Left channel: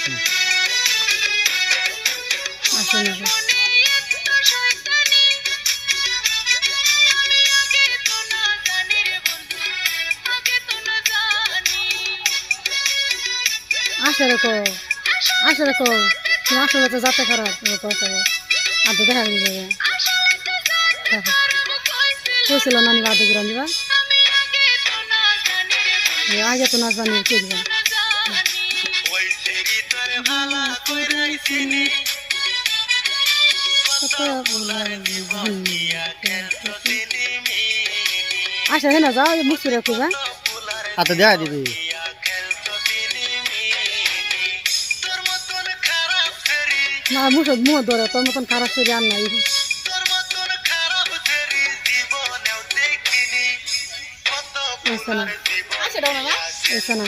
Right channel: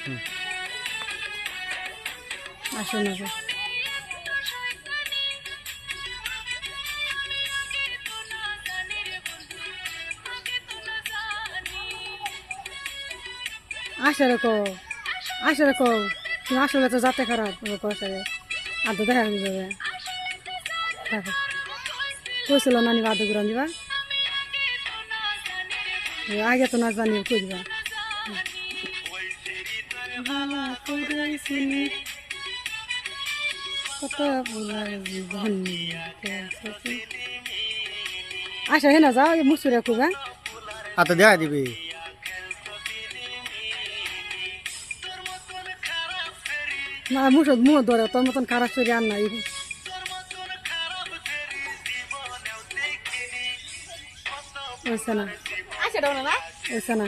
আসুন আসুন আসে রেখো তুমি আসলে তো যাতে খারাপ আর তো দেখা যাবে কইছিল নানি বাদ ঘুরান দিবা আগে তো নাচ জানি কে দিবা আচ্ছা হ্যাঁ না যাও মুসুরে খুব হাতে দেখা দিবি না মুহ ধরে তোর মতন খারাপ করে আর নাই ওইসা না ওইসা না